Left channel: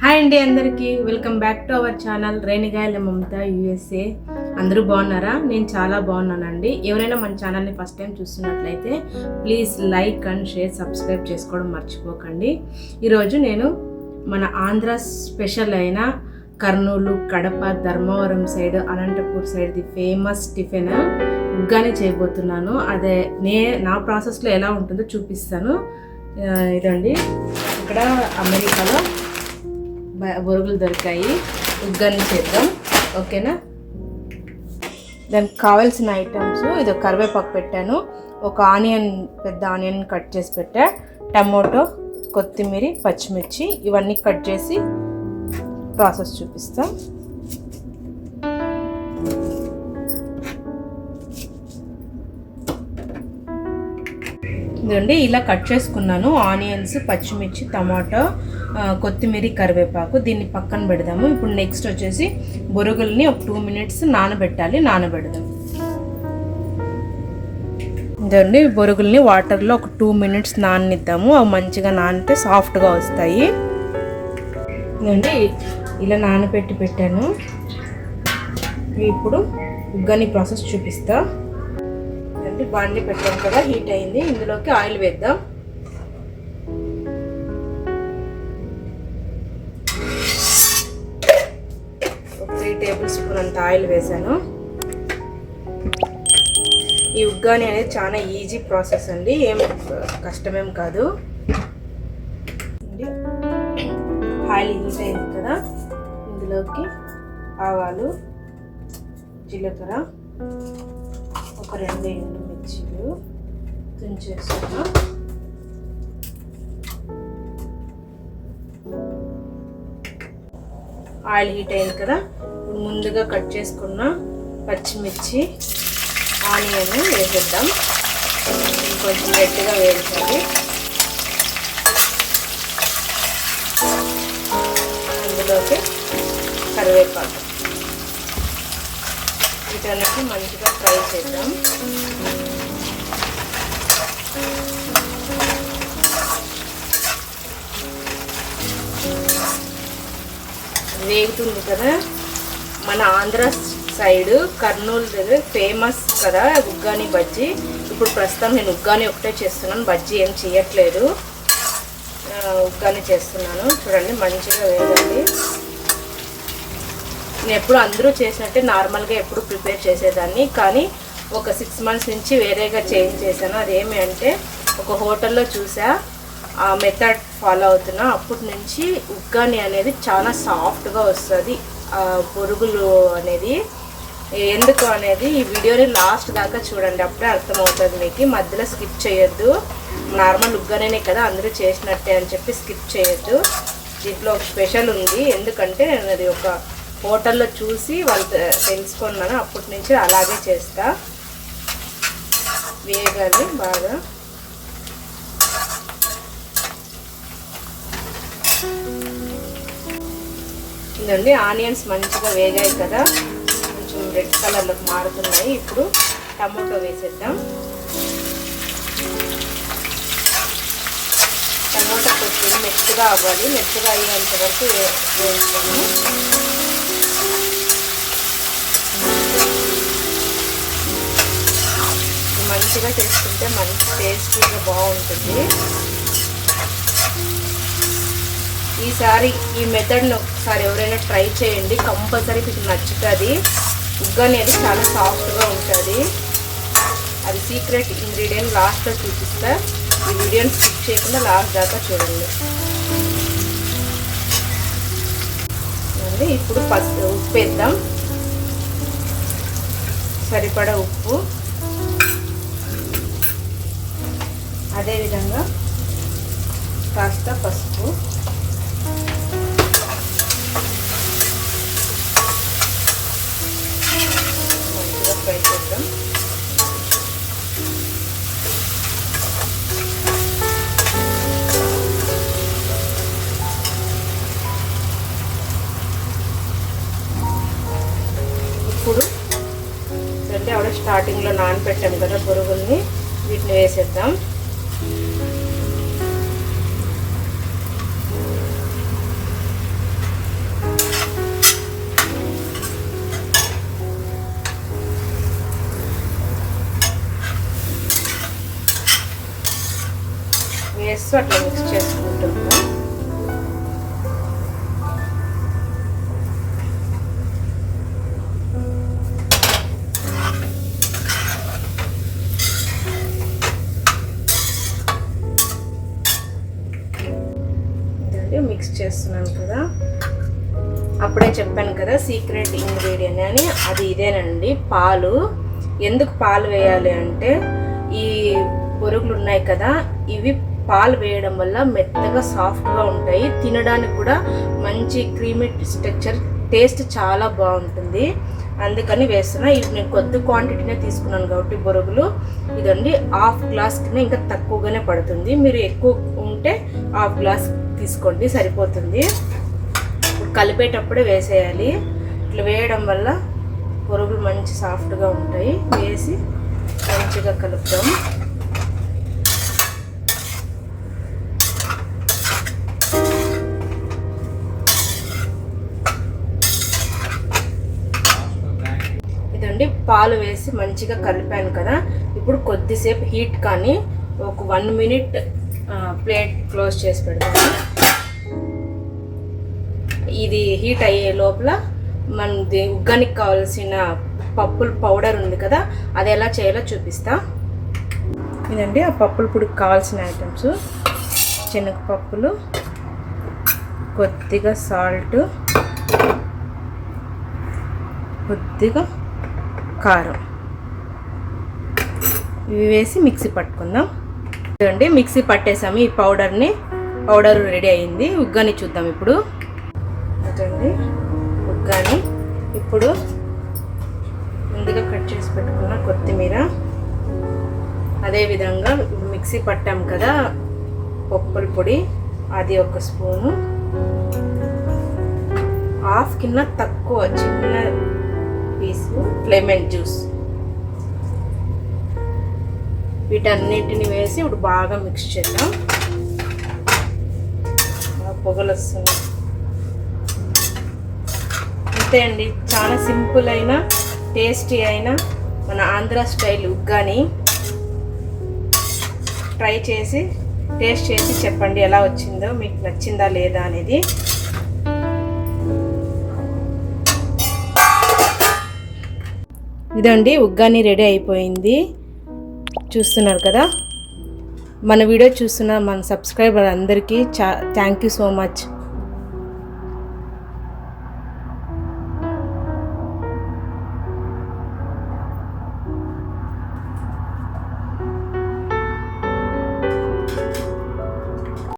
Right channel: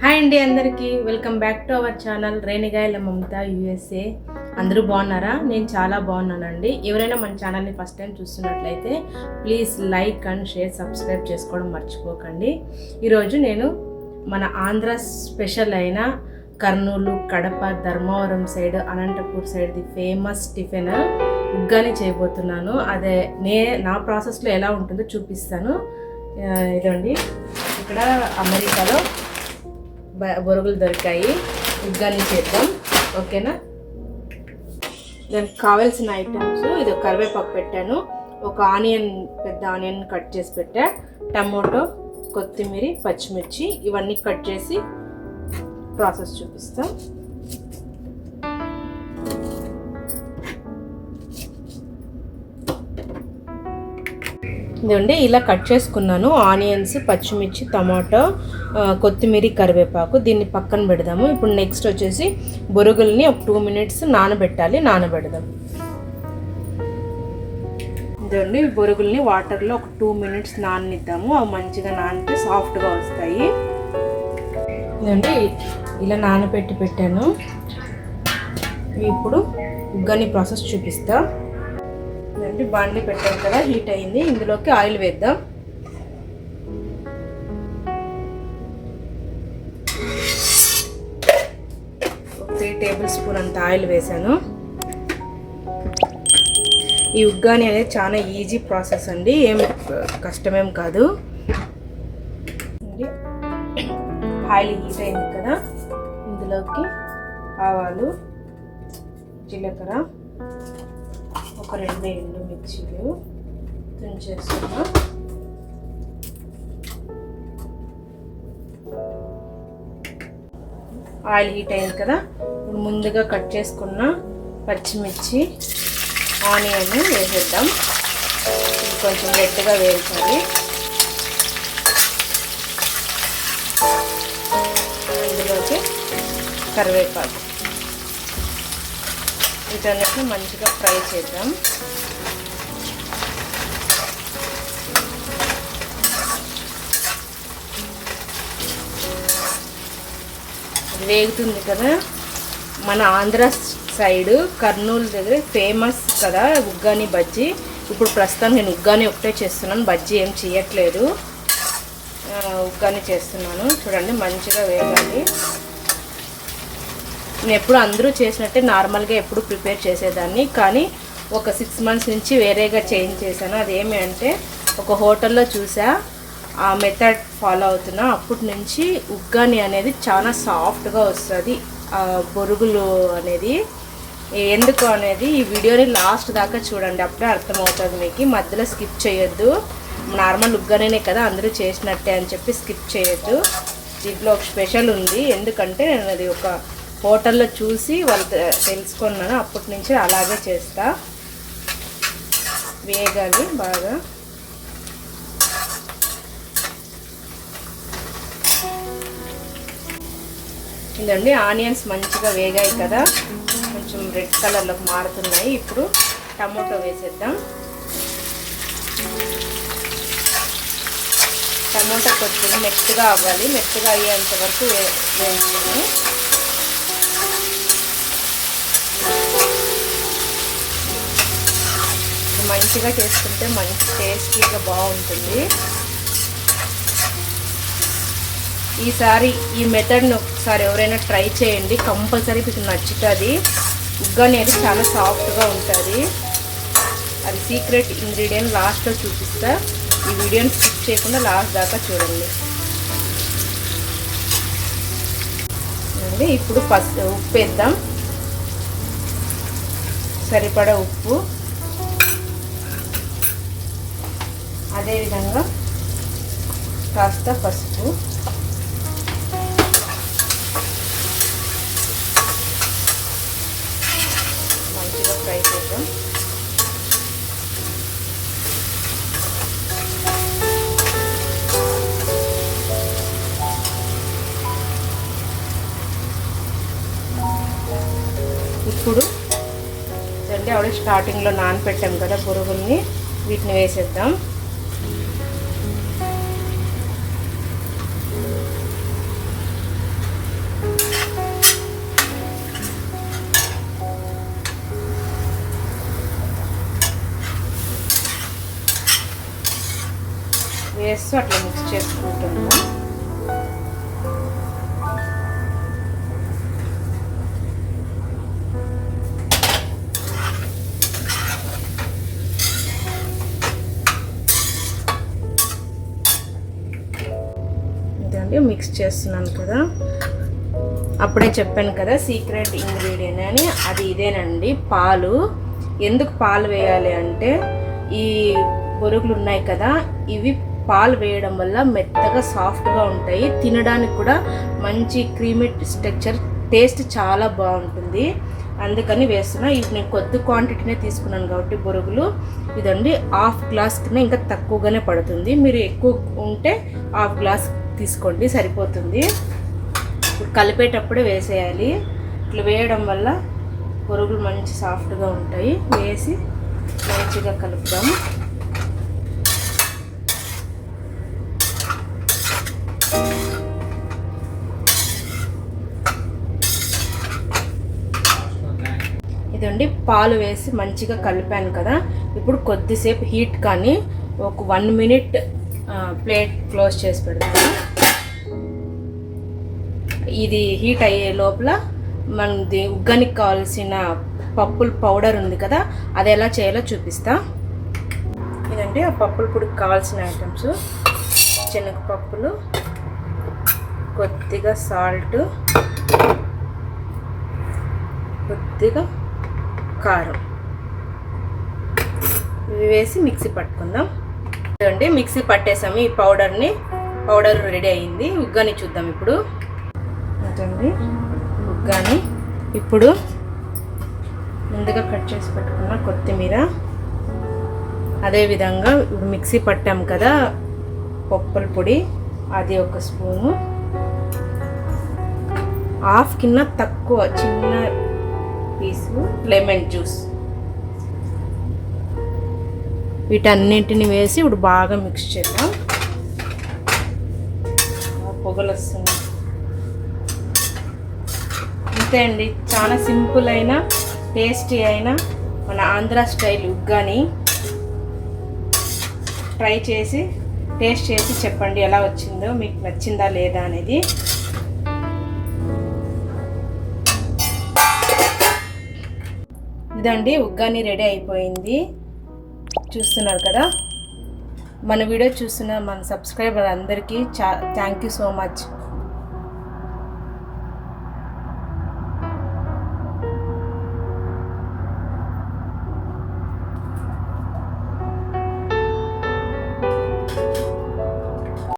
Hi అండి, అందరికీ welcome back to our channel Renigayala Mamata USA. అందరూ బాగున్నారా? నేను చాలా బాగున్నానండి. ఎవరైనా మన ఛానల్ని ఫస్ట్ టైం చూస్తున్నట్లయితే please like and share, subscribe చేసుకోవడం మర్చిపోకండి. ఈరోజు నేను మన ఆంధ్ర స్పెషల్ అయిన కర్నూలు, కడప, ధర్మవరం సైడ్, అనంతపూర్ సైడ్ది ఫేమస్ టిఫిన్ ఉగ్గాని చేయబోతున్నాను. అదే నా ప్రాసెస్లో ఎలా ఉంటుందో చూపిస్తాను. ఇదండి, ఇక్కడ అమెరికాలో బొరుగులు దొరికాయి, ఉగ్గాని చేద్దాం. ఓకేనా? దానికి కావాల్సిన ఐటమ్స్, ఇది కరివేపాకు పెట్టాను, ఒక ఆనియన్, పెద్ద ఆనియన్ కట్ చేసి పెట్టా, టమోటో, కొత్తిమీర, పచ్చిమిర్చి ఇవన్నీ కట్ చేసి ప్రాసెస్ చూపిస్తాం. ఇదండి, ఇలా కట్ చేసుకున్నాను. ఆనియన్స్, పచ్చిమిర్చి, టమాటో, కొత్తిమీర, కరివేపాకు. దీన్ని పక్కన పెడదాము. ఇప్పుడు నెక్స్ట్ వచ్చేసి బొరుగుల్ని ఒక 2 minutes నానబెడదాం. ఇదండి, బొరుగుల్ని వాటర్లో ఒక 2 minutes నాననిద్దాము. అవి మంచిగా నానితే సాఫ్ట్గా వస్తాయి. ఇదండి, ఇలా నానబెట్టి పెట్టాను. ఇప్పుడు ఉగ్గాని ప్రాసెస్ చూపిస్తా. బాండ్లీ పెట్టాం కదా, హీట్ అయింది. ఇందులోకి ఆయిల్ వేద్దాం. ఒక 3 tablespoons అంత ఆయిల్ వేసాను. ఈ ఉగ్గాని అనేది చాలా ఈజీ ప్రాసెస్ అండి, ఏం కష్టమేం కాదు. ఆయిల్ హీట్ అయింది కదా, ఇందులోకి ఆవాలు, జీలకర్ర, ఒక 2 ఎండుమిర్చీలు తుంచేస్తున్నా. ఆయిల్ హీట్ అయింది కదా, ముందుగా కట్ చేసుకున్న పచ్చిమిర్చి, ఆనియన్ వేసేద్దాం. కొంచెం రెడ్గా వేయించాలి. అందులోకి కరివేపాకు, వీటన్నిటిని మంచిగా ఫ్రై చేద్దాం. వేగుతుంది కదా. మన ఆంధ్ర సైడ్ కర్నూలు దగ్గర ఫేమస్ కదా ఉగ్గాని బజ్జీ. ఇప్పుడు ప్రస్తుతం నేను ఉగ్గాని ఒకటే చేస్తున్నాను, బజ్జీ ఏం చేయట్లేదు. ఉగ్గాని చేస్తున్నాను. చూడండి, మంచిగా వేగాలి. నేను ఎప్పుడు అందరూ చేసినట్టే నార్మల్గా ఎప్పుడు ప్రిపేర్ చేసేదాన్ని, కానీ ఒక 6 months నుంచి వేరేగా చేంజ్ చేశాను. అదేమి అంటే, ఒక హోటల్లో చూసా, ఆ మెథడ్ ఫాలో అవుతున్నా. అప్పటి నుంచి ఉగ్గాని అనేది చాలా సాఫ్ట్గా వస్తుంది, బొరుగులు అనేది. ఎందుకు అనేది ఈ వీడియోని లాస్ట్ దాకా చూడండి, అప్పుడే అర్థమవుతుంది మీకు. మధ్యలో స్కిప్ చేయొద్దు. నార్మల్ ఉగ్గానే కదా అందరూ చేసినట్టే అని చెప్పి స్కిప్ చేయొద్దు. దీంట్లో ఒక స్పెషల్ ఉంది. ఎందుకంటే నేను అది ఒక హోటల్లో చూసి వాళ్ళు తెలుసుకున్నాను, అప్పటి నుంచి అలాగే చేస్తా. వేగాలి బాగా. ఇదండి, ఆనియన్స్ మంచిగా వేగాయి కదా, కొంచెం రెడ్ కలర్లోకి మారుతున్నాయి. ఇప్పుడు టమోటో వేసేద్దాం. టమోటా కొంచెం మెత్తగా అవ్వాలి, మెత్తగా అయ్యేంత వరకు వేస్తాము. మంచిగా చేసుకుంటే మంచి టేస్టీగా బాగుంటుంది. ఈసారి ఈ మెథడ్ని ఒకసారి ఎవరైనా ట్రై చేయండి, కంపల్సరీ మీకు నచ్చుతుంది. ఉగ్గాని అది చాలా సాఫ్ట్గా ఉంటుంది. అది సీక్రెట్ ఇంగ్రీడియంట్ లాస్ట్లో చూపిస్తా. ఈ వీడియోని స్కిప్ చేయకుండా లాస్ట్ దాకా చూడండి. ఇప్పుడు ఉప్పు వేద్దాం, సరిపడా ఉప్పు. అదేవిధంగా కాస్త పసుపు. మంచిగా ఫ్రై చేద్దాం. ఇప్పుడు అంటే ఆవిడ స్టార్టింగ్లో నానబెట్టాం కదా బొరుగుల్ని, వీటిని వేసేద్దాం. వేస్తూ అట్లా మిక్స్ చేసుకుంటున్నాం. ఇదండి మిక్స్ చేస్తున్నాను కదా, అప్పుడే చెప్పాను కదా సీక్రెట్ ఇంగ్రీడియంట్ అని, అది ఇదేనండి, పాలు. ఎందుకు పాలు వేయాలి అంటే ఈ బొరుగులు ఉన్నాయి కదా, ఇవి పాలు వేయడం వల్ల మెత్తగా సాఫ్ట్గా ఉంటాయి, తినడానికి కూడా మంచి క్రీమీ టెక్స్చర్, టేస్ట్ చాలా బాగుంటుంది. అందుకని వేస్తున్నా. ఇది నేను కొద్ది క్వాంటిటీనే తీసుకున్నాను కాబట్టి బొరుగులు, ఇదండి హాఫ్ గ్లాస్ కింద ఇంకా తక్కువగానే పడుతుంది. మీరు ఎక్కువ ఉంటే హాఫ్ గ్లాస్ తీసుకోండి సరిపోతుంది. ఇప్పుడు కలిపేటప్పుడే వేసేయాలి. ఇట్లా వేయడం వల్ల బొరుగులు మంచి సాఫ్ట్గా ఉంటాయి. వేసి మంచిగా కలుపుదాం. ఇదండి పాలు వేసి మంచిగా కలిపాను కదా, ఇప్పుడు కొద్దిసేపు హీట్ కానీ ఒక 1 మినిట్ ప్లేట్ క్లోజ్ చేసి పెడతాను. ఇది హీట్ అయ్యే లోపల మనది ఉగ్గానికి కావాల్సిన పప్పుల పౌడర్ ఉంది కదా, అది ఎలా చేయాలో చూపిస్తా. ఇదండి ఆ పప్పుల పొడికి కావాల్సిన ఐటమ్స్: శనగపప్పులు, కొద్దిగా సాల్ట్, కొద్దిగా కారం, ఇవి వేసి మిక్సీ పట్టుకుందాం. చూడండి మిక్సీ పట్టేసాము ఈ పౌడర్ని. పౌడర్ రెడీ అయింది. ఉగ్గాని చూద్దాం ఇప్పుడు. అదండి ఉగ్గాని. ఇప్పుడు ముందుగా కట్ చేసి పెట్టుకున్న కొత్తిమీర, అదేవిధంగా ఇప్పుడు మిక్సీ పట్టాము కదా పప్పుల పొడి, అది 1 స్పూను, హాఫ్ కింద తక్కువ చిన్న పీసు లెమన్ జ్యూస్, వీటన్నిటిని వేసి ఇప్పుడు బాగా మిక్స్ చేద్దాం. పొగలు వస్తుంది. అంతే అండి, చాలా సింపుల్ అయిన టేస్టీ అయిన మన ఆంధ్ర స్టైల్ ఉగ్గాని. ట్రై చేసి టేస్ట్ చేసి చెప్పండి ఎలా వచ్చిందో, మీకు నచ్చిందా లేదా అనేది. ఇదండి ఉగ్గాని రెడీ అయిపోయింది. చూస్తున్నారు కదా, మన వీడియో చూస్తున్న మన సబ్స్క్రైబర్ అందరికీ థ్యాంక్ యూ సో మచ్.